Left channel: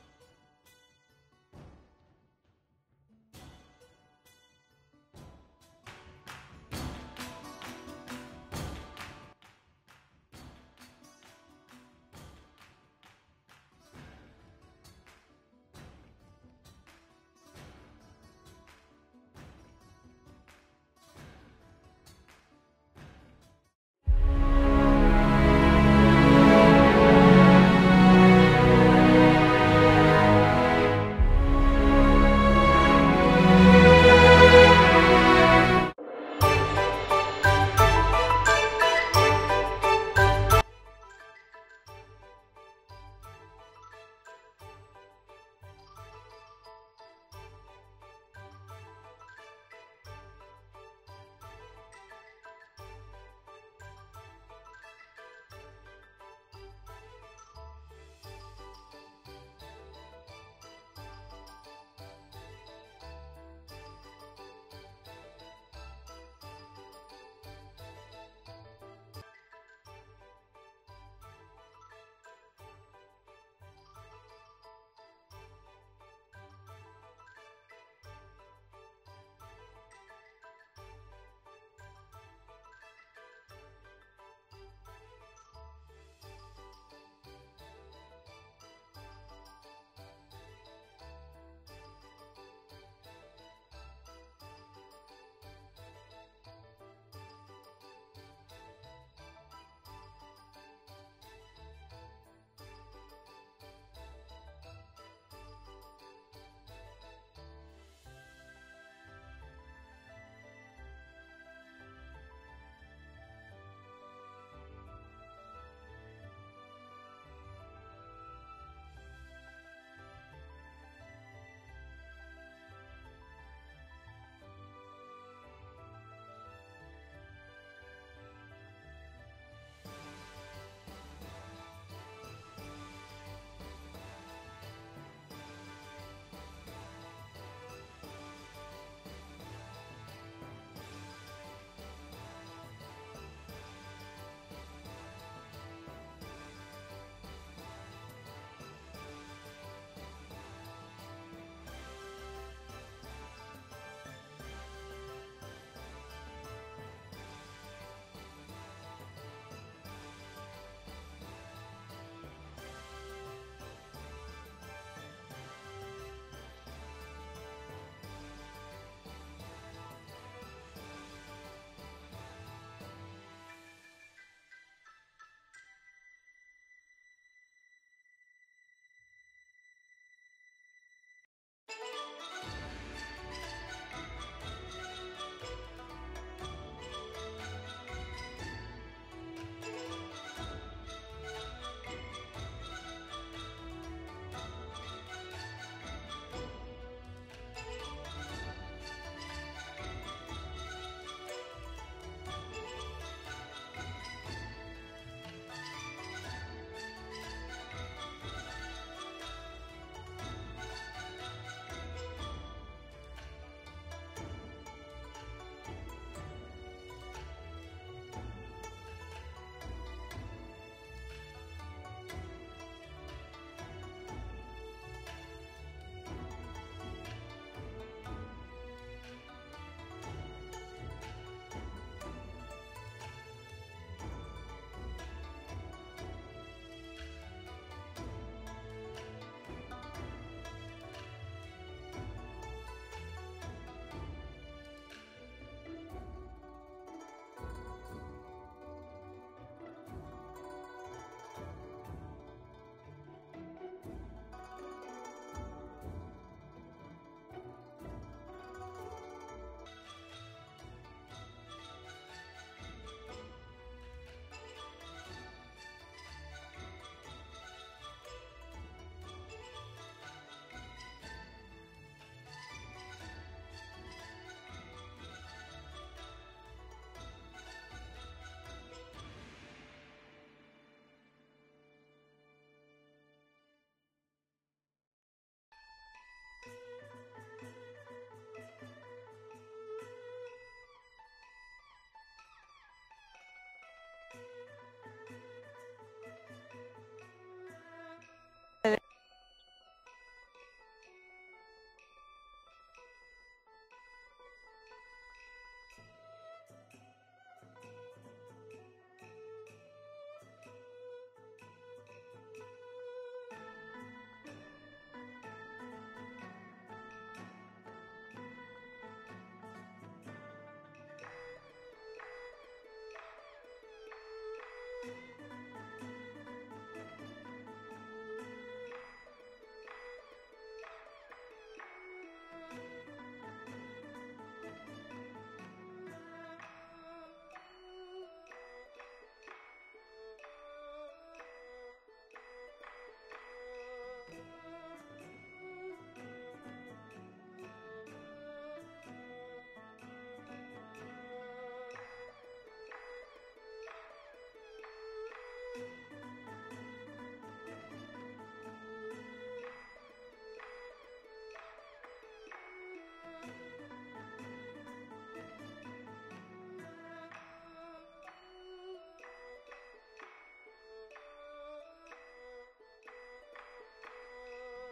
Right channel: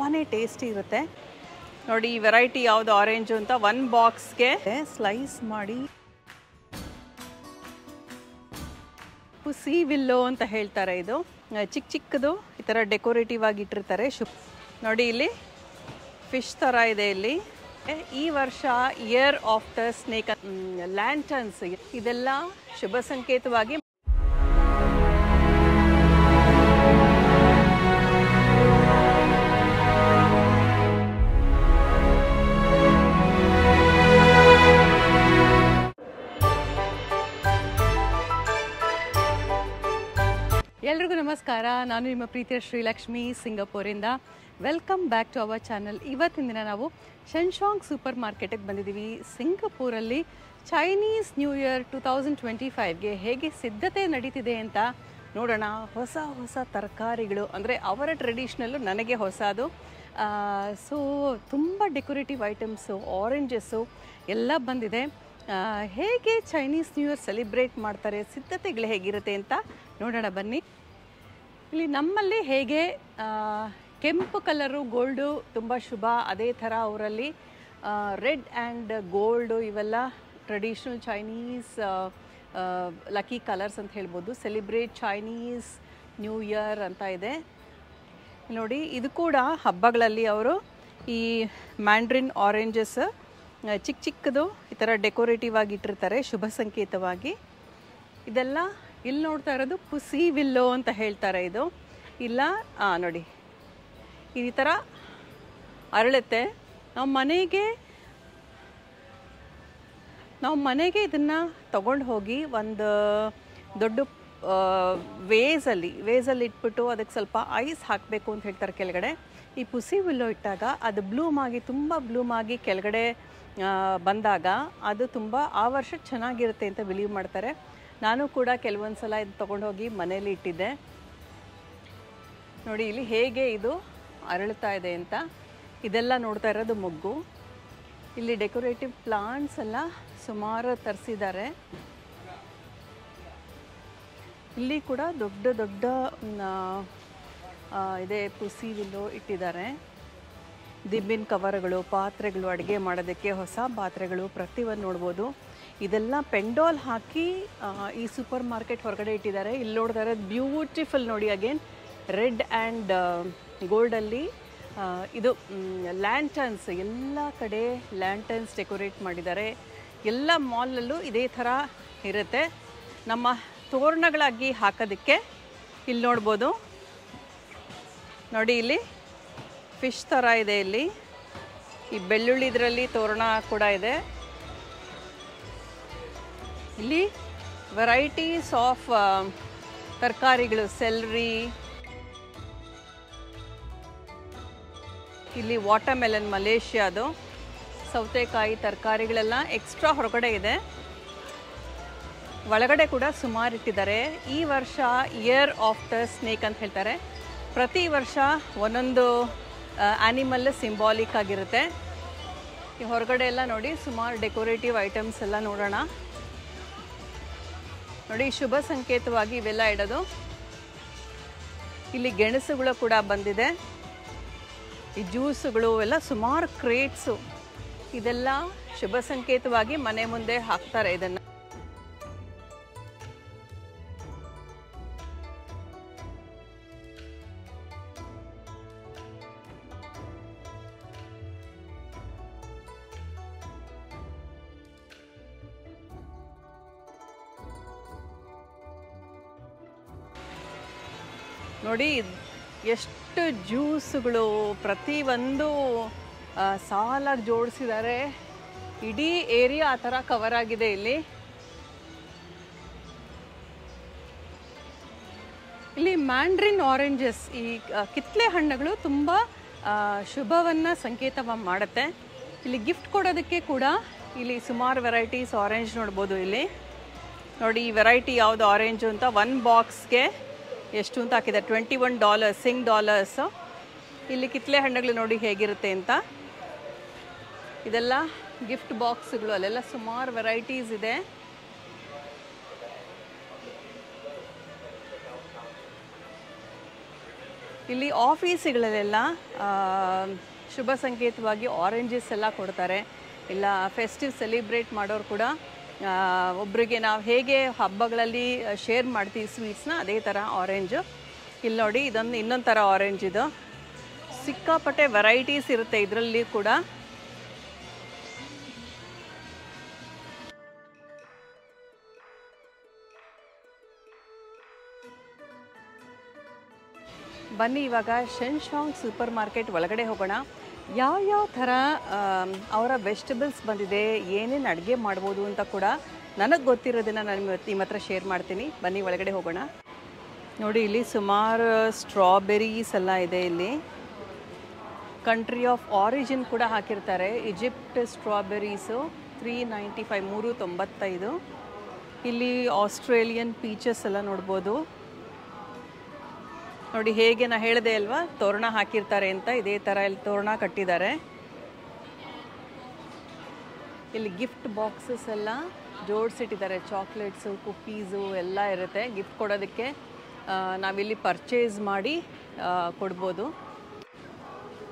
ತುಂಬಾ ಟೇಸ್ಟಿ ಇರುತ್ತೆ ನೋಡಿ. ಈ ವೆರೈಟಿ ಯಾವುದು ಆರೆಂಜು ಅಂತ ಒಂದು ಬಾಕ್ಸ್ಗೆ ಸ್ಲೈಸ್ ಮಾಡಿ ಸಿ ವಿಲ್ಲೋ ಅಂತ ಹೇಳ್ತಾರೆ. ಇದು ಚಿಕ್ಕ ಚಿಕ್ಕದು ಈ ಥರ ಡೆಕೋರೇಟಿವ್ ಆಗಿ ಇಟ್ಟಿರ್ತಾರೆ. ನೋಡಿ ಇಲ್ಲಿ ಫಿಶ್ ಥರ ಇದೆ. ಇಲ್ಲಿ ಈ ವರ್ಷ year of the snake lanterns ಇದೆಲ್ಲ ಶುಭ ಸಂಕೇತವಾಗಿ ಎಲ್ರಿಗೂ ನಮಸ್ಕಾರ. ನಾನು ನಿಮ್ಮ ಪ್ರೀತಿಯ ಶ್ರೀಲಕ್ಷ್ಮಿ ಸಿಂಗಾಪುರಿಂದ. Welcome back to our channel. ಇವತ್ತಿನ ದಿನ ನಾವು ಶೆನ್ಶಾಂಗ್ ಸೂಪರ್ ಮಾರ್ಕೆಟಿಗೆ ಬಂದಿದ್ದೀವಿ. ಸಿಂಗಾಪುರಲ್ಲಿ ಚೈನೀಸ್ ನ್ಯೂ ಇಯರ್ 2025ಗೆ ಹೇಗೆ ಸಿದ್ಧತೆ ನಡೀತಿದೆ ಅಂತ ನೋಡೋಣ. ಹೊಸ ಹೊಸ ತರಕಾರಿಗಳು ಅಂದರೆ ಅವರ ಟ್ರೆಡಿಷ್ನಲ್ಲು ನನಗೆ ಹೊಸದು. ಸೊ ತುಂಬ ಡೆಕೋರೇಟಿವ್ ಐಟಮ್ಸು, ಆರೆಂಜಸ್ಸು ಎಲ್ಲ ಬಂದಿದೆ. ಹೇಗೆ ಚೈನೀಸ್ ನ್ಯೂ ಇಯರ್ ಸೆಲಿಬ್ರೇಟ್ ಮಾಡ್ತಾರೆ, ಸಿದ್ಧತೆಗಳು ಹೇಗಿರುತ್ತೆ ಅಂತ ನೋಡೋಣ ಬನ್ನಿ. ಇಲ್ಲಿ ನಮ್ಮಲ್ಲಿ ಹೇಗೆ ಕೆಂಪು ಕಲರು ಗೋಲ್ಡು ತುಂಬ ಶುಭ, ಅದೇ ಥರ ಅವರಲ್ಲಿ ರೆಡ್ ಆ್ಯಂಡ್ ಗೋಲ್ಡು ಇವೆಲ್ಲ ಟ್ರೆಡಿಷ್ನಲ್ ಚೈನೀಸ್ ಲಕ್ಕಿ ಕಲರ್ಸ್ ಅಂತ ಹೇಳ್ಬೋದು. ಸೆಲಿಬ್ರೇಟ್ ಚೈನೀಸ್ ನ್ಯೂ ಇಯರ್ ಅಂತ ಇದೆ ನೋಡಿ. ಇದು ಕೂಡ ಹಬ್ಬಗಳಲ್ಲಿ ಅವರು ಈ ಮ್ಯಾಂಡ್ರಿನ್ ಆರೆಂಜಸ್ ಚಿಕ್ಕ ಚಿಕ್ಕದು ಈ ಥರ ಡೆಕೋರೇಟಿವ್ ಆಗಿ ಇಟ್ಟಿರ್ತಾರೆ ಶುಭ ಸಂಕೇತವಾಗಿ. ಇದೆಲ್ಲ ಇಲ್ಲಿ ನೋಡ್ತಾ ಇರೋದು ಪುಸಿ ವಿಲ್ಲೋ ಅಂತ ಹೇಳ್ತಾರೆ. ಇದು ಇಲ್ಲ ನೋಡಿ ಈ ಥರ ಅರಳುತ್ತೆ. ನಾವು ಮನೆಗೆ ಇದನ್ನು ತಗೊಂಡು ಹೋಗಿ ಒಂದು ದೊಡ್ಡ ವೇಸಲ್ಲಿ ಇಟ್ಬಿಟ್ಟು ಅದಕ್ಕೆ ಸ್ವಲ್ಪ ಐಸ್ ಹಾಕಬೇಕು ಅಂತ ಹೇಳ್ತಾರೆ ಕೆಳಗಡೆ. ಈ ಪುಸಿ ವಿಲ್ಲೋ ಇಟ್ಟಾಗ ಅದು ತುಂಬ ಬ್ಲೂಮ್ ಆಗಿ ಕೆಳಗಡೆ ಬಂದಾಗ ಅದು ತುಂಬ ಆ ವರ್ಷ ಚೆನ್ನಾಗಿರುತ್ತೆ ಅಂತ ಬಿಲೀವ್ ಮಾಡ್ತಾರೆ. ನಾನು ಕೂಡ ಕೆಲವೊಂದು ಸಲ ಇದು ತೊಗೊಂಡೋಗಿ ಮನೇಲಿ ಇಟ್ಟಿದ್ದೆ ನೋಡಿ. ಇಲ್ಲಿ ಹೇಗೆ ಇದು ಅರಳುತ್ತಾ ಇದೆ ಅಂತ. ಇದೆಲ್ಲ ನೋಡ್ತಾ ಇರೋದು ಮೊಗ್ಗು. ಇಲ್ಲಿ ಡೆಕೋರೇಟಿವ್ ಪ್ಲಾಂಟ್ಸ್ ಎಲ್ಲ ಸುಮಾರು ತರಿಸಿದ್ದಾರೆ. ಇಲ್ಲಿ ಕೂಡ ದೊಡ್ಡ ದೊಡ್ಡ ಇದೆ ಪುಸಿ ವಿಲ್ಲೋ ಇಟ್ಟಿದ್ದಾರೆ. ದಿಬ್ಬಿನ ಕವರ್ಗಳು, ಪಾತ್ರೆಗಳು, ಅಡುಗೆ ಮಾಡೋದಕ್ಕೆ ಹೊಸ ಪಾತ್ರೆಗಳು ಪ್ರತಿಯೊಂದು ನೋಡ್ಬೋದು. ಇದೆಲ್ಲ ಪೆಂಡಾಲ್ ಹಾಕಿ ಈ ಸೂಪರ್ ಮಾರ್ಕೆಟ್ ಹೊರಗಡೆ ಇಟ್ಟಿದ್ದಾರೆ. ಇಲ್ಲಿ ನೋಡ್ತಾ ಇರೋದು ಬ್ಯೂಟಿಫುಲ್ ನೋಡಿ. ಅಗೇನ್ ರೆಡ್ ಆ್ಯಂಡ್ ಗೋಲ್ಡಲ್ಲಿ ಇದು ಲ್ಯಾಂಟರ್ನ್ಸ್, ಎಲ್ಲ ಕಡೆ ಲ್ಯಾಂಟರ್ನ್ಸ್ ಡೆಕೋರೇಟ್ ಮಾಡಿದ್ದಾರೆ. ಎಲ್ಲ ಮಾಲಲ್ಲೂ ಇದೇ ಥರ ಇರುತ್ತೆ. ನಮ್ಮ ತೋರಣಗಳಾಗಿ ಹಾಕೋದಕ್ಕೆ ಇಲ್ಲಿ ನೋಡ್ಬೋದು ನೋಡಿ. ಇಲ್ಲಿ ಫಿಶ್ ಥರ ಇದೆ. ಇಲ್ಲಿ ಈ ಬೆಳ್ಳುಳ್ಳಿ ಇದರಲ್ಲಿ ತೋರಣ ಕೂಡ ಇದೆ. ಇಲ್ಲಿ ವೆರೈಟೀಸ್ ಆಫ್ ತರಕಾರಿಗಳು, ಸೆಲ್ರಿ, ಇಲ್ಲಿ ವಾಟರ್ಮೆಲನ್ ಮಲೇಷ್ಯಾದು, ಸೌತೆಕಾಯಿ ತರಕಾರಿಗಳೆಲ್ಲ ಎಕ್ಸ್ಟ್ರಾ ಹೊರಗಡೆ ಇದೆ. ಒಳಗಡೆ ಕೂಡ ಸುಮಾರು ಇಟ್ಟಿದ್ದಾರೆ. ಈ ವರ್ಷ ಇಯರ್ ಆಫ್ ದ ಸ್ನೇಕ್ ಅಂತ ಹೇಳ್ತಾರೆ. ಪ್ರತಿ ವರ್ಷ ಒಂದೊಂದು ಆ್ಯನಿಮಲ್ ಸಿಂಬಾಲಿಕ್ ಆಗಿರುತ್ತೆ. ಈ ಹೊರಗಡೆ ಎಲ್ಲ ನೋಡಿ ಸುಮಾರು ಡೆಕೋರೇಟಿವ್ ಐಟಮ್ಸ್ ಎಲ್ಲ ನೋಡೋಣ ನೋಡಿ. ಶುಭ ಸಂಕೇತವಾಗಿ ಇವೆಲ್ಲ ಇಡೋದು. ಇಲ್ಲಿ ಗೆಣಸುಗಳು ಕೂಡ ಬಂದಿದೆ. ಈ ಜ್ಯೂಸುಗಳು ಎಲ್ಲ ಸುಮಾರು ಕ್ರೇಟ್ಸು, ಇದೆಲ್ಲ ಶುಭ ಸಂಕೇತವಾಗಿ ಮನೆ ಮುಂದೆ ಹಾಕ್ತಾರೆ. ಇದನ್ನು ನೋಡಿ. ಎಷ್ಟು ಜ್ಯೂಸುಗಳು ಪ್ರತಿಯೊಂದು ಸಾಲಾಗಿ ಜೋಡಿಸಿದ್ದಾರೆ. ಇಡೀ ಏರಿಯಾ ಆ ಥರ ಕವರ್ ಆಗಿದೆ. ಇಲ್ಲಿ ಮ್ಯಾಂಡ್ರಿನ್ ಆರೆಂಜಸ್, ಈ ಕಿತ್ತಳೆ ಹಣ್ಣುಗಳು ತುಂಬ ಶುಭವನ್ನು ಸಂಕೇತ ಮಾಡುತ್ತೆ. ಇಲ್ಲಿ ಗಿಫ್ಟ್ ಕೊಡೋದಕ್ಕೆ ಕೂಡ ಇಲ್ಲಿ ಸುಮಾರು ವೆರೈಟೀಸ್ ಆರೆಂಜ್ ನೋಡ್ಬೋದು. ಇಲ್ಲಿ ನೋಡಿ ಈ ವೆರೈಟಿ ಯಾವುದು ಆರೆಂಜು ಅಂತ ಒಂದು ಬಾಕ್ಸ್ಗೆ ಎಷ್ಟು ಅಂತ ಹಾಕಿದ್ದಾರೆ, $21 ಸಿಂಗ್ ಡಾಲರ್ಸ್. ಇಲ್ಲಿ ಕಿತ್ತಳೆ ಹಣ್ಣುಗಳು ನೋಡಿ ಹೇಗಿರುತ್ತೆ ಅಂತ. ಇದೆಲ್ಲ ಗಿಫ್ಟ್ ಬಾಕ್ಸ್ಗಳು, ಅಲ್ಲೆಲ್ಲ ಸುಮಾರು ವೆರೈಟೀಸ್ ಇದೆ. ಇಲ್ಲಿ ಆಫೀಸ್ಗಳಲ್ಲೆಲ್ಲ ಶುಭ ಸಂಕೇತವಾಗಿ ಆರೆಂಜಸ್ ಎಲ್ಲ ಕೊಡ್ತಾರೆ. ಇಲ್ಲ ಫೆಸ್ಟಿವ್ ಸೆಲಿಬ್ರೇಟ್ ಮಾಡೋರು ಕೂಡ ಒಬ್ಬರಿಗೆ ನಾವು ಹೇಗೆ ಹಬ್ಬಗಳಲ್ಲಿ ಶೇರ್ ಮಾಡ್ತೀವಿ ಸ್ವೀಟ್ಸ್ನ, ಅದೇ ಥರ ಆರೆಂಜು. ಇಲ್ಲಿ ನೋಡಿ, ಇದೊಂದು ಇನ್ನೊಂದು ಥರ ಆರೆಂಜ್. ಇದು ಸಿಕ್ಕಾಪಟ್ಟೆ ವೆರೈಟೀಸ್ ಇರುತ್ತೆ ಇದರಲ್ಲಿ ಕೂಡ. ಬನ್ನಿ ಇವಾಗ ಶೆನ್ಶಾಂಗ್ ಸೂಪರ್ ಮಾರ್ಕೆಟ್ ಒಳಗಡೆ ಹೋಗೋಣ. ಯಾವ ಥರ ಅವರ ವೆಜಿಟೇಬಲ್ಸ್ ಬಂದಿದೆ, ಏನೇನು ಅಡುಗೆ ಮಾಡ್ಬೋದು ಅಂತ ಕೂಡ ನನಗೆ ಗೊತ್ತಿರೋದನ್ನು ನಾನು ನಿಮ್ಮ ಹತ್ರ ಶೇರ್ ಮಾಡ್ತೀನಿ. ಬನ್ನಿ ಒಳಗಡೆ ಹೋಗೋಣ. ನೋಡಿ, ಇಲ್ಲಿ ಸುಮಾರು ಸ್ಟ್ರಾಬೆರೀಸ್ ಎಲ್ಲ ಇದೆ. ಇಲ್ಲಿ ಕಂಟ್ರಿ ಆಫ್ ಆರಿಜಿನ್ ಕೂಡ ಹಾಕಿರ್ತಾರೆ. ಈಜಿಪ್ಟ್ ಸ್ಟ್ರಾಬೆರೀಸು 395, 395. ಇಲ್ಲಿ ಆಸ್ಟ್ರೇಲಿಯನ್ ಪೀಚಸ್ ಎಲ್ಲ ನೋಡ್ಬೋದು. ನೋಡಿ, ಹೇಗೆ ನಾ ಹೇಳಿದೆ ಅಲ್ವಾ, ತೋರಣ ಹಾಕಿರ್ತಾರೆ ಅಂತ, ಇದೇ ಥರ ಇಲ್ಲಿ ತೋರಣ ಕಟ್ಟಿದ್ದಾರೆ. ಇಲ್ಲಿ ಗಿಫ್ಟ್ ಬಾಕ್ಸಸ್ ಎಲ್ಲ ಜೋಡಿಸಿಟ್ಟಿದ್ದಾರೆ. ಚಾಕ್ಲೇಟ್ಸು, ಕುಕ್ಕೀಸು ಎಲ್ಲ ಇರುತ್ತೆ ಗಿಫ್ಟ್ ಕೊಡೋದಕ್ಕೆ. ನಾವಿಲ್ಲಿ ಪರ್ಚೇಸ್ ಮಾಡಿ ಕೊಡ್ಬೋದು.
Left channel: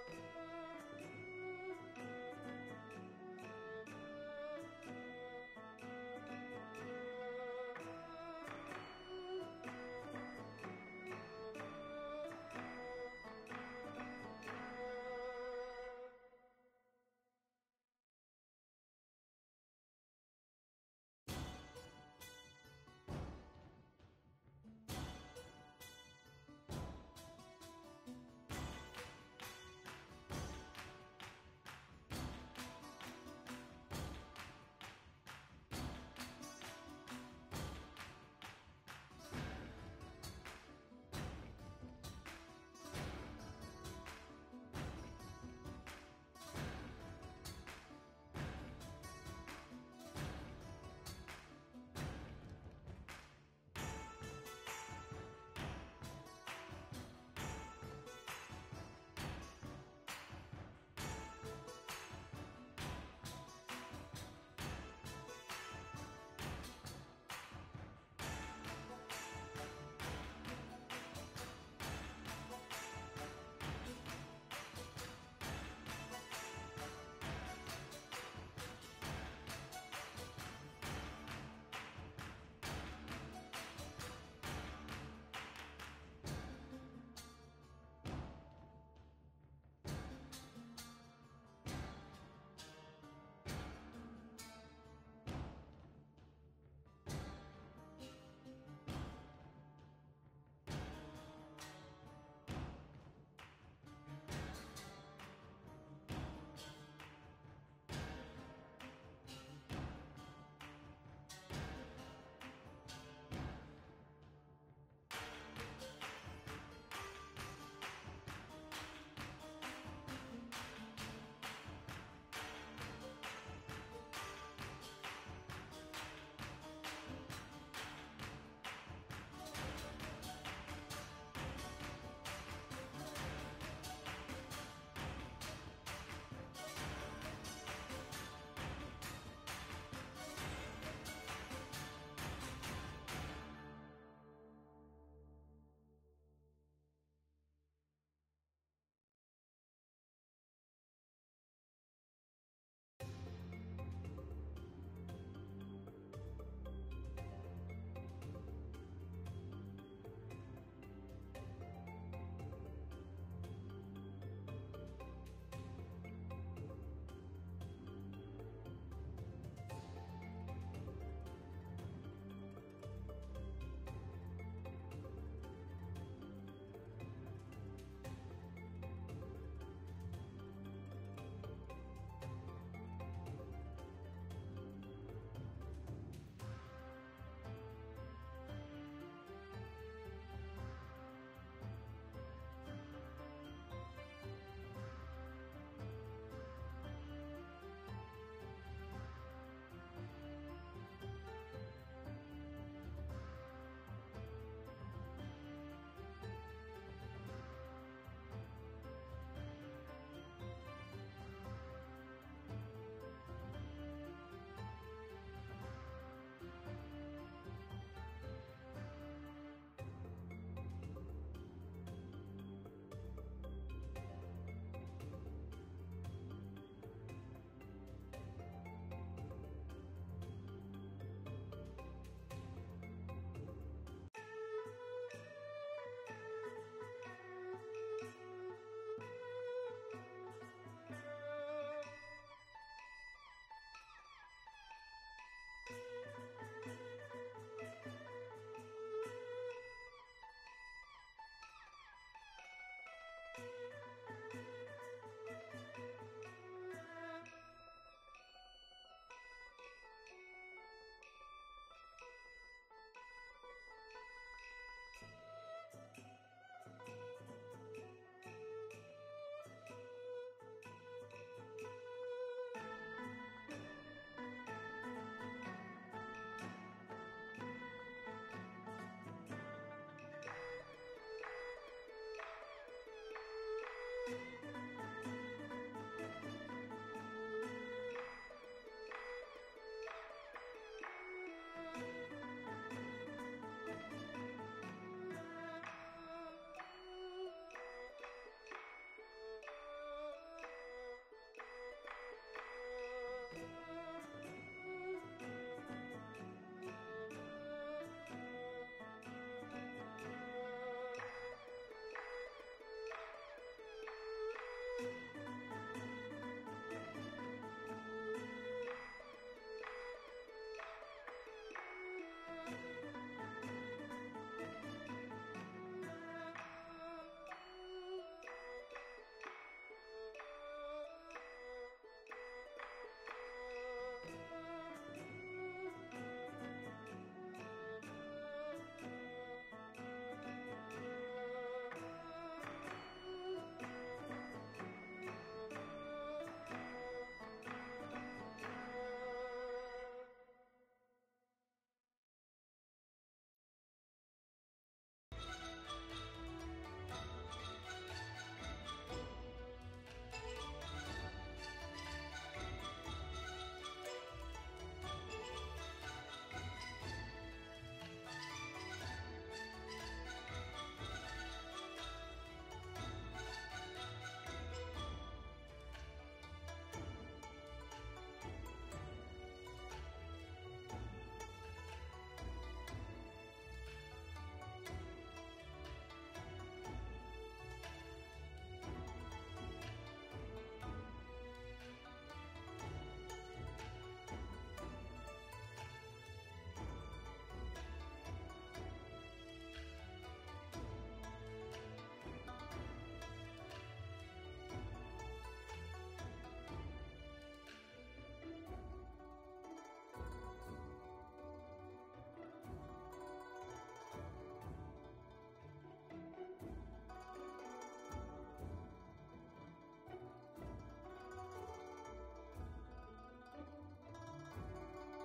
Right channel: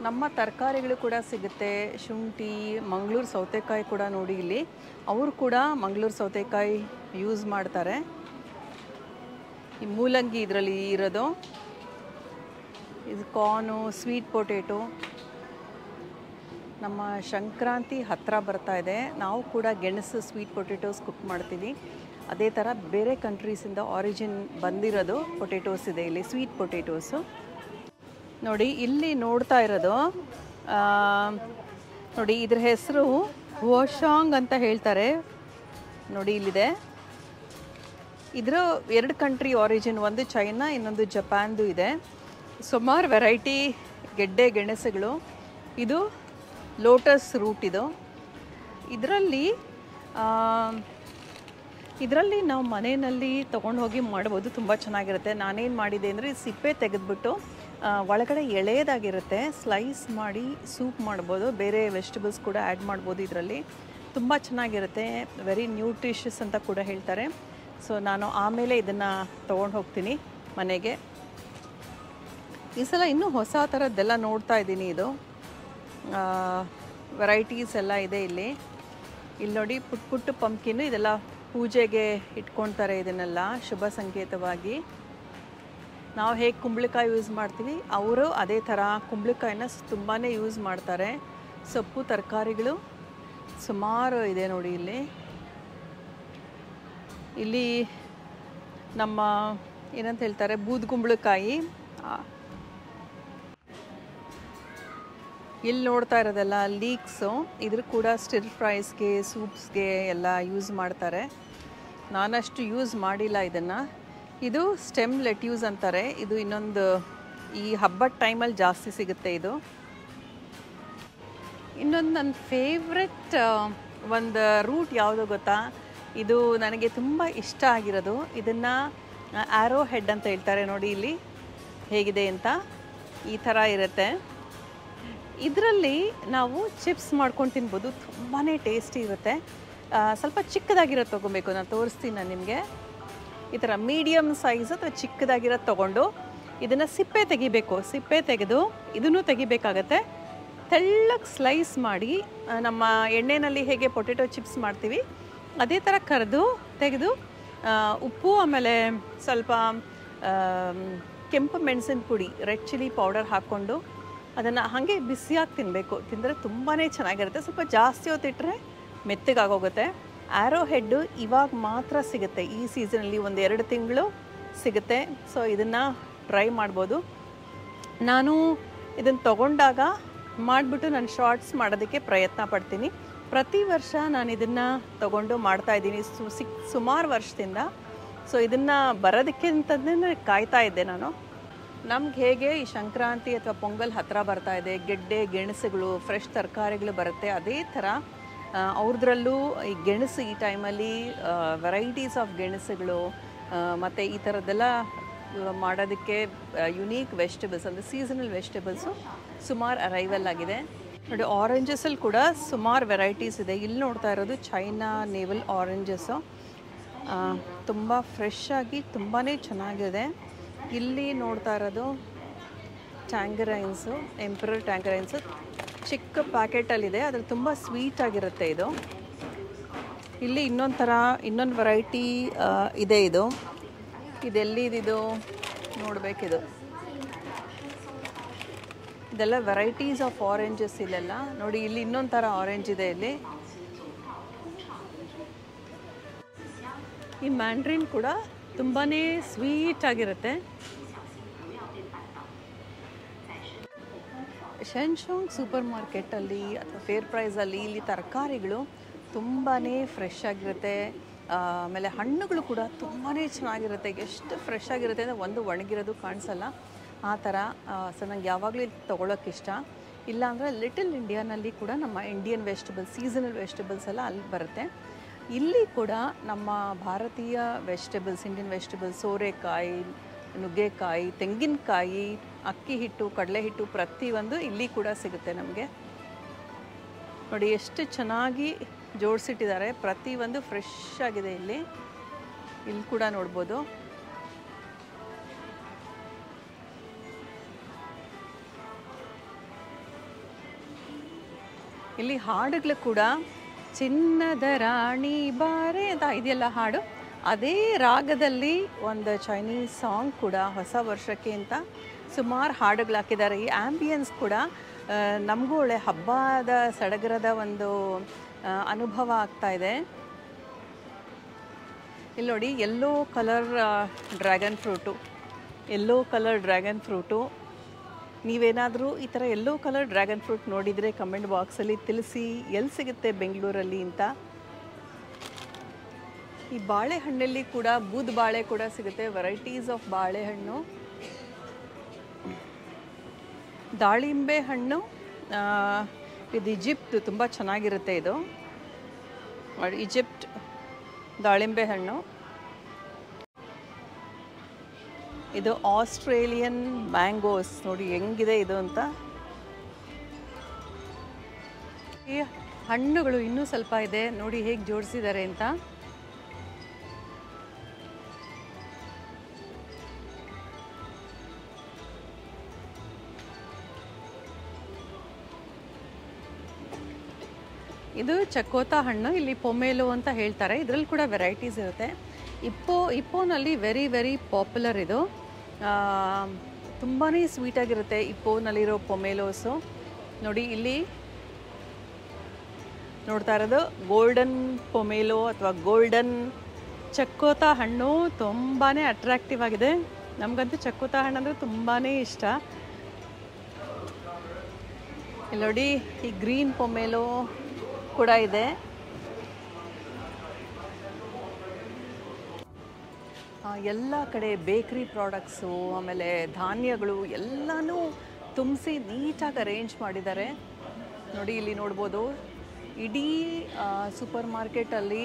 ನಮ್ಮ ತರಕಾರಿಗಳು ಕೂಡ ಸಿಗುತ್ತೆ. ಶುಂಠಿ, ಮಂಗಳೂರು ಸೌತೆಕಾಯಿ ಕೂಡ ನೋಡಿ, ಇಲ್ಲಿ ಅವರು ಕೂಡ ಮಂಗಳೂರು ಸೌತೆಕಾಯಿ ಯೂಸ್ ಮಾಡ್ತಾರೆ. ಈ ಮೂಲಂಗಿ ಇದರಲ್ಲಿ ಇರೋದು. ಇದು ಕಾರ್ನು, ಸ್ವೀಟ್ ಪೊಟೇಟೊ. ನಮ್ಮ ಸಂಕ್ರಾಂತಿ ಹತ್ತಿರ ಬರ್ತಾ ಇದೆ. ನಾವು ಕೂಡ ಗೆಣಸು ಸ್ವೀಟ್ ಪೊಟೇಟೋಸ್ ಕುಕ್ ಮಾಡ್ತೀವಿ. ಅದೇ ಥರ ಬೇರೆ ಕಂಟ್ರೀಸಿಂದ ಆರಿಜಿನ್ ಬಂದಿರೋದು ಪೊಟೇಟೋಸ್ ಇದೆ ಇಲ್ಲಿ, ಸ್ವೀಟ್ ಪೊಟೇಟೋಸು. ನೋಡಿ, ಇಲ್ಲಿ ನೋಡ್ತಾ ಇರೋದು ನೋಡಿ, ಇದ್ರ ಹೆಸರು ಹುಶಾಂಗ್ ಅಂತ ಹೇಳ್ತಾರೆ. ನೋಡಿ, ಇಲ್ಲಿದೆ. ಇದರ 2 ಕಂಟ್ರಿ ಆರಿಜಿನ್, ಒಂದು ಚೈನಾ, ಇನ್ನೊಂದು ಜಪಾನ್ದು ಇದೆ. ಸುಮಾರು ವೆರೈಟಿ ಗೆಡ್ಡೆ ಗೆಣಸುಗಳು. ಇದು ಲೋಟಸ್ ರೂಟ್. ಇದು ಇದರಲ್ಲಿ ನಾವು ಮನೆಯಲ್ಲಿ ತೊಗೊಂಡು ಹೋಗಿ ಮಾಡ್ಬೋದು. ತುಂಬ ಚೆನ್ನಾಗಿರುತ್ತೆ. ನಾನೇನು ಮಾಡಿದೆ ಅಂದರೆ, ಸಿಪ್ಪೆ ತೆಗೆದುಬಿಟ್ಟು ಒಳಗಡೆ ಎಳೆದಾಗಿರುತ್ತೆ, ಸ್ಲೈಸ್ ಮಾಡಿ ಸೂಪ್ ಮಾಡ್ಬೋದು. ಬೇರೆ ವೆಜಿಟೇಬಲ್ಸ್ ಕೂಡ ಆ್ಯಡ್ ಮಾಡ್ಬೋದು ಇದರಲ್ಲಿ. ತುಂಬ ಚೆನ್ನಾಗಿರುತ್ತೆ. ವೆರಿ ನ್ಯೂಟ್ರಿಷಿಯಸ್ ಅಂತ ಕೂಡ ಹೇಳ್ತಾರೆ. ಸೊ ನಾನು ಆಮೇಲೆ ಇದನ್ನು ತೊಗೊಂಡು ಹೋಗ್ತೀನಿ ಮನೆಗೆ. ಈ ಸಲ ಇನ್ನೂ ಹೊಸ ಥರದ್ದೆಲ್ಲ ನೋಡ್ತಾ ಇದ್ದೀನಿ. ಇದು ವೆರೈಟೀಸ್ ಎಲ್ಲ ಇದೆ ಇಲ್ಲಿ. ನೋಡಿ, ಪುಟ್ಟ ಪಂಪ್ಕಿನ್ನು, ಇದೆಲ್ಲ ಪೂಜೆಗೆ ಇಟ್ಕೊಳ್ತಾರೆ. ಇದನ್ನೆಲ್ಲ ಶುಭ ಸಂಕೇತವಾಗಿ. ನಾವು ಹೇಗೆ ಕುಂಬಳಕಾಯಿ ಯೂಸ್ ಮಾಡ್ತೀವಿ, ಅವರು ಅದೇ ಥರ ಕುಂಬಳಕಾಯಿನ ತುಂಬಾ ಯೂಸ್ ಮಾಡ್ತಾರೆ. ಸೊಪ್ಪು, ತರಕಾರಿಗಳು ಸುಮಾರು ಇದೆ ನೋಡಿ. ಇಲ್ಲಿ ನಮ್ಮ ಏನಂತ ಹೇಳ್ತಾರೆ, ಬೂದ್ಗುಂಬಳಕಾಯಿ. ಇಲ್ಲಿ ನೋಡ್ತಾ ಇರೋದೆಲ್ಲ ಲೀಕ್ಸು. ಇದ್ರ ಕೂಡ ಸ್ಟಿರ್ ಫ್ರೈಸ್ಗೆ, ಸೂಪ್ಸ್ಗೆ ಎಲ್ಲ ಯೂಸ್ ಮಾಡ್ತಾರೆ. ನಾನಷ್ಟು ಯೂಸ್ ಮಾಡಿಲ್ಲ ಇದನ್ನು. ಇದು ಸ್ಟೆಮ್ ಲೆಟ್ಯೂಸ್ ಅಂತಾರೆ. ಇದು ಇನ್ನೊಂದು ಈ ಹಬ್ಬದ ಟೈಮಲ್ಲಿ ಜಾಸ್ತಿ ಸಿಗುತ್ತೆ ಇದು. ಇನ್ನೊಂದು ನನ್ನ ಫೇವ್ರೆಟ್ ಒಂದು ರೂಟ್ ಯಾವುದು ಗೊತ್ತಾ? ಇದು ನನಗೆ ತುಂಬ ಇಷ್ಟ ಆಗಿರೋದು. ಇದನ್ನು ಆ್ಯರೋ ಹೆಡ್ ಅಂತ ಹೇಳ್ತಾರೆ. ನೋಡಿ ಇಲ್ಲಿ ಹೇಗಿದೆ ಅಂತ, ಈ ಥರ ಇರುತ್ತೆ. ಇದರಲ್ಲಿ ನಾವು ಚಿಪ್ಸ್ ಮಾಡ್ಕೊಂಡು ತಿನ್ಬೋದು. ತುಂಬಾ ಟೇಸ್ಟಿ ಇರುತ್ತೆ. ಸ್ವಲ್ಪ ಚಿಕ್ಕದಾಗಿರೋದು ತೊಗೊಬೇಕು. ನಾನು ತೋರಿಸ್ತೀನಿ ನಾನು ನಿಮಗೆ. ಈ ಥರ ಮೀಡಿಯಮ್ ಸೈಜ್ ಅಥವಾ ಚಿಕ್ಕದಾಗಿರೋದು ತೊಗೊಂಡು ಇದನ್ನು ಸಿಪ್ಪೆ ತೆಗಿಬೇಕು. ಸಿಪ್ಪೆ ತೆಗೆದು ಇದನ್ನು ತೆಗಿಬೇಕಾಗತ್ತೆ. ತೆಳ್ಳಗೆ ಸ್ಲೈಸ್ ಮಾಡಿ, ನಮ್ಮ ಎಣ್ಣೆಯಲ್ಲಿ ಹೇಗೆ ಪೊಟೆಟೊ ಚಿಪ್ಸ್ ಮಾಡ್ತೀವಿ ಅದೇ ಥರ ತೆಗೆದು ಉಪ್ಪು, ಆಮೇಲೆ ಸ್ವಲ್ಪ ಕೆಂಪು ಮೆಣಸಿನ ಪುಡಿ, ರೆಡ್ ಚಿಲ್ಲಿ ಪೌಡರ್ ಹಾಕ್ಕೊಂಡು ಅದನ್ನು ಹಾಗೆ ಬಿಸಿಯಾಗಿ ತಿನ್ನಬೇಕು. ತಿಂದರೆ ತುಂಬಾ ಚೆನ್ನಾಗಿರುತ್ತೆ. ಸ್ವಲ್ಪ ಜಾಸ್ತಿ ಹೊತ್ತಿಟ್ಟರೆ ಮೆತ್ತಗಾಗೋಗುತ್ತೆ. ಆ್ಯರೋ ಹೆಡ್ಡು ಇವಾಗ ಮಾತ್ರ ಸಿಗುತ್ತೆ. ಈ ಸೀಸನಲ್ಲಿ 1-2 ತಿಂಗಳು ಸಿಗುತ್ತೆ. ಸೊ ಇದನ್ನು ಟ್ರೈ ಮಾಡ್ಬೋದು. ನಾನು ಇದನ್ನು ತೊಗೊಂಡಾಗ ಮಾಡಿಬಿಟ್ಟು ನಾನು ಶಾರ್ಟ್ಸ್ ಮಾಡೋದಕ್ಕೆ ಪ್ರಯತ್ನ ಪಡ್ತೀನಿ. ಪ್ರತಿ ವರ್ಷ ನಾನು ಇದನ್ನು ತೊಗೊಂಡು ಮಾಡ್ತಾಯಿದ್ದೀನಿ ಸುಮಾರು ವರ್ಷದಿಂದ. ಸೊ ಇದನ್ನು ಬರೋದಕ್ಕೆ ಅಂತಂದರೆ ಕಾಯ್ತಾ ಇದ್ದೆ ನಾನು. ನಮ್ಗೆ ಹೇಗೆ ಈ ಸಂಕ್ರಾಂತಿ ಅಥವಾ ಪೊಂಗಲ್ ಹತ್ತಿರ ಬರ್ತಾ ಇದೆ, ಗೆಡ್ಡೆ ಗೆಣಸುಗಳು, ಫ್ರೆಶ್ ತರಕಾರಿಗಳು ಬರುತ್ತೆ, ಅದೇ ಥರ ಅವ್ರದ್ರಲ್ಲೂ ಈ ಗೆಣಸು ಈ ಟೈಮಲ್ಲಿ ವೆರೈಟೀಸ್ ಆಫ್ ಗೆಣಸುಗಳು ಮತ್ತು ಈ ಥರದ್ದೆಲ್ಲ ಮಾಡೋದಕ್ಕೆ ಯುನೀಕ್ ವೆಜಿಟೇಬಲ್ಸ್ ಅಂದರೆ ಸೀಸನಲ್ ವೆಜಿಟೇಬಲ್ಸು ಸುಮಾರು ಅರೈವಲ್ ಆಗಿದೆ. ನೋಡಿ, ಆರೆಂಜಸಲ್ಲಿ ಕೂಡ ಸುಮಾರು ವೆರೈಟೀಸ್ ಇದೆ. ಇಲ್ಲಿ ನೋಡ್ತಾ ಇರೋದು ಚೈನಾ ನೇವಲ್ ಆರೆಂಜಸ್ಸು. ತುಂಬ ಫ್ರೆಶ್ ಆಗಿ ತುಂಬಾ ಚೆನ್ನಾಗಿದೆ. ಇಲ್ಲಿ ನೋಡ್ತಾ ಇರೋದು ಟ್ಯಾಂಗರೈನ್ಸು, ಎಂಪರರ್ ಟ್ಯಾಂಗರೈನ್ಸು ಚಿಕ್ಕ ಪ್ಯಾಕೆಟಲ್ಲಿದೆ. ಅದ್ರಲ್ಲಿ ತುಂಬ ಸ್ವೀಟ್ ಆಗಿರುತ್ತೆ ಇದು. ಇಲ್ಲಿ ಇನ್ನೊಂದು ವೆರೈಟಿ ಇದೆ. ಇದೆಲ್ಲಿದು ನೋಡಬೇಕಿದು. ಇದೆಲ್ಲ ವೆರೈಟೀಸ್ ಆಫ್ ಆರೆಂಜಸ್ ಇಲ್ಲೆಲ್ಲ ನೋಡಿ. ಇಲ್ಲಿ ಇನ್ನೊಂದು ಥರ ಆರೆಂಜ್ ಇದೆ. ಇಲ್ಲಿ ಈ ಮ್ಯಾಂಡ್ರಿನ್ ಕೂಡ ತುಂಬಾ ಸ್ವೀಟ್ ಆಗಿರುತ್ತೆ. ಶೆನ್ಶಾಂಗ್ ಸೂಪರ್ ಮಾರ್ಕೆಟಲ್ಲಿ ಅಥವಾ ಫೇರ್ ಪ್ರೈಸಲ್ಲಿ ಇಲ್ಲಿ ತರಕಾರಿಗಳು ತುಂಬಾ ಫ್ರೆಶ್ ಆಗಿರುತ್ತೆ. ಆಮೇಲೆ ಹಣ್ಣುಗಳು ಕೂಡ ತುಂಬಾ ಚೆನ್ನಾಗಿರುತ್ತೆ. ಎಷ್ಟು ಫ್ರೆಶ್ ಆಗಿರುತ್ತೆ ಅಂದರೆ ಒಂದು ಒಣಗಿರೋದು ಕಾಣಿಸಲ್ಲ ಆ ಥರ. ಸೊ ನಂಗೆ ಯಾವಾಗಲೂ ಇಲ್ಲಿ ತೊಗೊಳೋಕ್ಕೆ ಇಷ್ಟ. ಇಲ್ಲಾಂದರೆ ಲಿಟಲ್ ಇಂಡಿಯಾನಲ್ಲಿ ಕೂಡ ನಮ್ಮ ಇಂಡಿಯನ್ ವೆಜಿಟೇಬಲ್ಸ್, ಸೀಸನಲ್ ವೆಜಿಟೇಬಲ್ಸ್ ಎಲ್ಲ ಅಲ್ಲಿ ಬರುತ್ತೆ. ಇಲ್ಲಿ ಕೂಡ ನಮ್ಮ ಭಾರತೀಯ ವೆಜಿಟೇಬಲ್ಸ್, ಇಂಡಿಯನ್ ವೆಜಿಟೇಬಲ್ಸ್, ಸೋರೆಕಾಯಿ, ನುಗ್ಗೆಕಾಯಿ, ತೆಂಗಿನಕಾಯಿ, ಅಕ್ಕಿ ಹಿಟ್ಟು, ಕಡಲೆ ಹಿಟ್ಟು ಪ್ರತಿಯೊಂದು ಇಲ್ಲಿ ಕೂಡ ಸಿಗುತ್ತೆ ನಮಗೆ. ನೋಡಿ ಎಷ್ಟು ಚೆನ್ನಾಗಿ ಜೋಡಿಸಿಟ್ಟಿದ್ದಾರೆ. ಪ್ರತಿಯೊಂದು ಫ್ರೆಶ್ ಆಗಿದೆ. ಇಲ್ಲಿ ಕೂಡ ನೋಡ್ಬೋದು. ಇಲ್ಲಿ ಹಾಡುಗಳು ಕೂಡ ಚಿನ್ನದ ರಾಣಿ ಬಾರೆ ಅಂತ ಇದೆಯಲ್ಲ ಹಾಡು, ಅದೇ ರಾಗದಲ್ಲಿ ಒಂದು ಚೈನೀಸ್ ಸಾಂಗ್ ಕೂಡ ಹೊಸ ವರ್ಷಕ್ಕೆ ಅಂತ ಸುಮಾರು ಹಾಡುಗಳು ಹಾಕಿದ್ದಾರೆ. ಈ ಆ್ಯಂಬಿಯನ್ಸ್ ಕೂಡ ನಮಗೂ ಒಳ್ಳೆ ಹಬ್ಬದ ಸಡಗರದ ಒಂದು ಅನುಭವ ಆಗ್ತಾ ಇದೆ. ಇಲ್ಲಿ ನೋಡಿ ಯೆಲ್ಲೋ ಕಲರ್ ಡ್ರ್ಯಾಗನ್ ಫ್ರೂಟು. ನೀವೇನಾದರೂ ಈ ಥರ ಯೆಲ್ಲೋ ಕಲರ್ ಡ್ರ್ಯಾಗನ್ ಫ್ರೂಟ್ ನೋಡಿದರೆ ಕಮೆಂಟ್ ಬಾಕ್ಸಲ್ಲಿ ತಿಳಿಸಿ ಎಲ್ಲಿ ಸಿಗುತ್ತೆ ಬೆಂಗಳೂರಲ್ಲಿ ಅಂತ. ಈ ಬಾಳೆಹಣ್ಣಲ್ಲಿ ಕೂಡ ಬೂದ್ ಬಾಳೆ ಕೂಡ ಸಿಗುತ್ತೆ. ವೆರೈಟೀಸ್ ಆಫ್ ಬಾಳೆಹಣ್ಣು, ದಾಳಿಂಬೆ ಹಣ್ಣು. ಇದು ಈಜಿಪ್ಟ್ ತುಂಬ ಚೆನ್ನಾಗಿರುತ್ತೆ. ಇದು ಈಜಿಪ್ಟ್ ದಾಳಿಂಬೆ ಹಣ್ಣು. ಇದು ಆಸ್ಟ್ರೇಲಿಯನ್ ಮ್ಯಾಂಗೋಸ್. ನೋಡಿ ಹೆಂಗಿದೆ ಇದು ಅಂತ. ಈ ಹಣ್ಣುಗಳು ಇನ್ನೂ ಸ್ವಲ್ಪ ಇದೆ ನೋಡಿ ಹೇಗೆ ಜೋಡಿಸಿದ್ದಾರೆ ಅಂತ. ಇದು ಚಕೋತಾ ಹಣ್ಣು, ಇಲ್ಲಿ ಪೊಮೇಲೋ ಅಂತ ಹೇಳ್ತಾರೆ. ಇದರಲ್ಲಿ ಕೂಡ ವೆರೈಟೀಸ್ ಇರುತ್ತೆ. ಇಪ್ಪೋನಲ್ಲಿ ವೆರಿ ಪಾಪ್ಯುಲರ್ ಇದು. ತುಂಬಾ ಸ್ವೀಟಾಗಿರುತ್ತೆ ಇಪ್ಪೋನಲ್ಲಿರೋ ಪೊಮೇಲೋಸು. ನೋಡಿ ಇಲ್ಲಿ ನೋಡ್ತಾ ಇರೋದು ಗೋಲ್ಡನ್ ಪೊಮೇಲೋ ಅಥವಾ ಗೋಲ್ಡನ್ ಚಕೋತಾ ಹಣ್ಣು. ತುಂಬಾ ಅಟ್ರಾಕ್ಟಿವ್ ಆಗಿದೆ. ನಮಗಂತೂ ಚಕೋತಾ ಹಣ್ಣು ಅಂದರೆ ತುಂಬಾ ಇಷ್ಟ. ಇಲ್ಲಿ ನೋಡಿ ಈ ಗ್ರೀನ್ ಪೊಮೇಲೋ ಕೂಡ ಇದೆ. ಎಲ್ಲ ಕಡೆ ಬೇಕ್ರಿ ಪ್ರಾಡಕ್ಟ್ಸು, ಆಮೇಲೆ ಧಾನ್ಯಗಳು ಎಲ್ಲನೂ ತುಂಬಿಸಿ ನೀಟಾಗಿ ಅರೇಂಜ್ ಮಾಡಿದ್ದಾರೆ. ನೋಡಿ ಇಲ್ಲಿ ನೋಡ್ಬೋದು. ಇಡೀ ಸೂಪರ್ ಮಾರ್ಕೆಟಲ್ಲಿ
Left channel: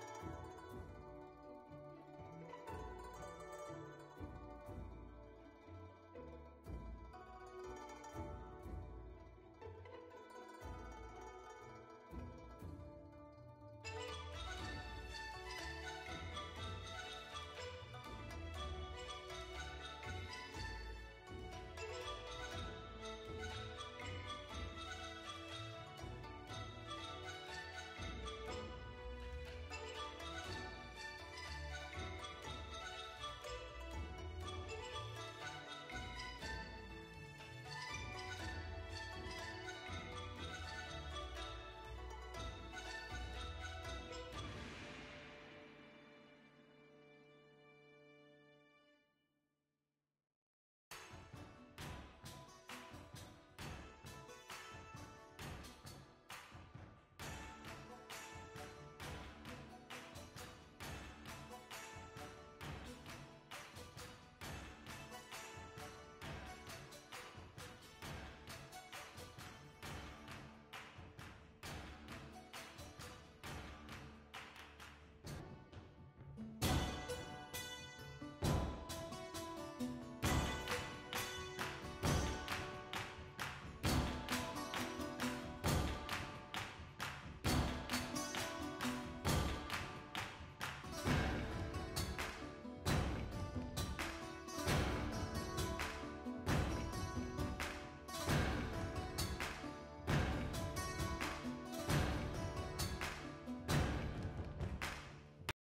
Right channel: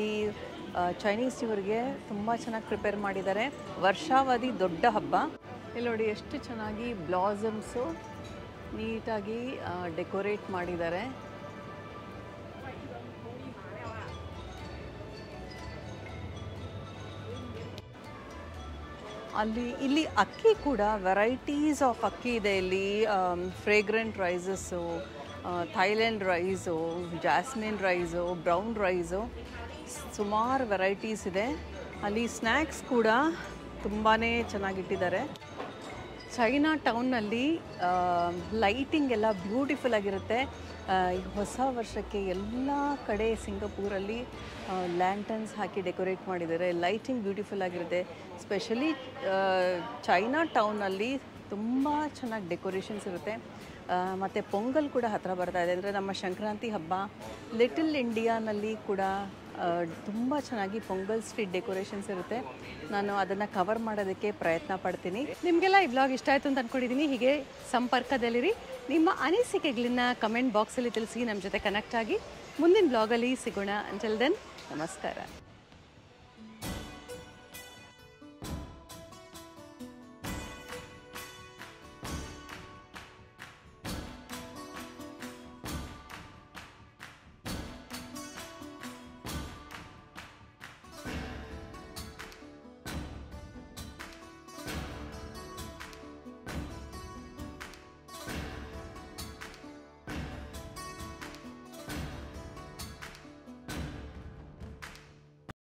ಈ ಚೈನೀಸ್ ನ್ಯೂರ್ಗೆ ತುಂಬ ಚೆನ್ನಾಗಿ ಪ್ರಿಪೇರ್ ಮಾಡಿದ್ದಾರೆ. ವರ್ಷಾವಧಿ ದೊಡ್ಡ ಹಬ್ಬ. ಇಲ್ಲಿ ನೋಡಿ ಎಷ್ಟು ಚೆನ್ನಾಗಿ ಬ್ಲಾಸಮ್ಸು ನೀಟಾಗಿ ಡೆಕೋರೇಟ್ ಮಾಡಿದ್ದಾರೆ. ಇಲ್ಲಿ ಅಕ್ಕಿ ಕೂಡ ವೆರೈಟೀಸ್ ಆಫ್ ಅಕ್ಕಿ ಇದೆ. ಇಲ್ಲಿ fragrant rices, Thailand rice, jasmine rice, brown rice, ಸುಮಾರು ವೆರೈಟೀಸ್ ಇದೆ. ಅಲ್ಲಿ ಸ್ನ್ಯಾಕ್ಸ್ ಕೂಡ ತುಂಬಾ ಚೆನ್ನಾಗಿಟ್ಟಿದ್ದಾರೆ. ಚೈನಾ ಟೌನ್ನಲ್ಲಿ ಲೈಟಿಂಗ್ ಎಲ್ಲ ಬ್ಯೂಟಿಫುಲ್ ಆಗಿರುತ್ತೆ. ಹೊಸ ವರ್ಷಕ್ಕೆ ಎಲ್ಲ ಕಡೆ ಸಿಂಗಪೂರಲ್ಲಿ ಲ್ಯಾಂಟನ್ಸ್ ಹಾಕಿ ಡೆಕೋರೇಟ್ ಮಾಡಿದ್ದಾರೆ. ಲೈಟಿಂಗ್ ಬ್ಯೂಟಿಫುಲ್ ಆಗಿರುತ್ತೆ. ಸ್ಪೆಷಲಿ ಚೈನಾ ಟೌನಲ್ಲಿ ತುಂಬ ಚೆನ್ನಾಗಿ ಡೆಕೋರೇಷನ್ಸ್ ಇರುತ್ತೆ. ಮತ್ತು ಪೊಂಗಲ್ ಕೂಡ ಹತ್ತಿರ ಬರ್ತಾ ಇದೆ. ಅಂದರೆ ನಮ್ಮ ಸಂಕ್ರಾಂತಿ ಹಬ್ಬ. ಲಿಟಲ್ ಇಂಡಿಯಾನಲ್ಲಿ ಕೂಡ ತುಂಬ ಚೆನ್ನಾಗಿ ಪೊಂಗಲ್ ಸ್ಟ್ರೀಟ್ ಡೆಕೋರೇಷನ್ಸ್ ಇರುತ್ತೆ. ನಾನು ಅದನ್ನು ಕವರ್ ಮಾಡೋದಕ್ಕೆ ಪ್ರಯತ್ನ ಪಡ್ತೀನಿ. ನಿಮಗೆಲ್ಲ ಈ ಬ್ಲಾಗ್ ಇಷ್ಟ ಆಯಿತು ಅಂತ ಅಂದ್ಕೊಂಡಿದ್ದೀನಿ. ಹೀಗೆ ಸಂಪರ್ಕದಲ್ಲಿರಿ. ನಿಮ್ಮ ಅನಿಸಿಕೆಗಳನ್ನ ಕಮೆಂಟ್ ಬಾಕ್ಸಲ್ಲಿ ತಿಳಿಸಿ. ನಮ್ಮ ಜೊತೆ ಕನೆಕ್ಟ್ ಆಗಿ ಮುಂದಿನ ಬ್ಲಾಗಲ್ಲಿ ಸಿಗೋಣ. ಅಂಟಿಲ್ ದೆನ್ ನಮಸ್ಕಾರ.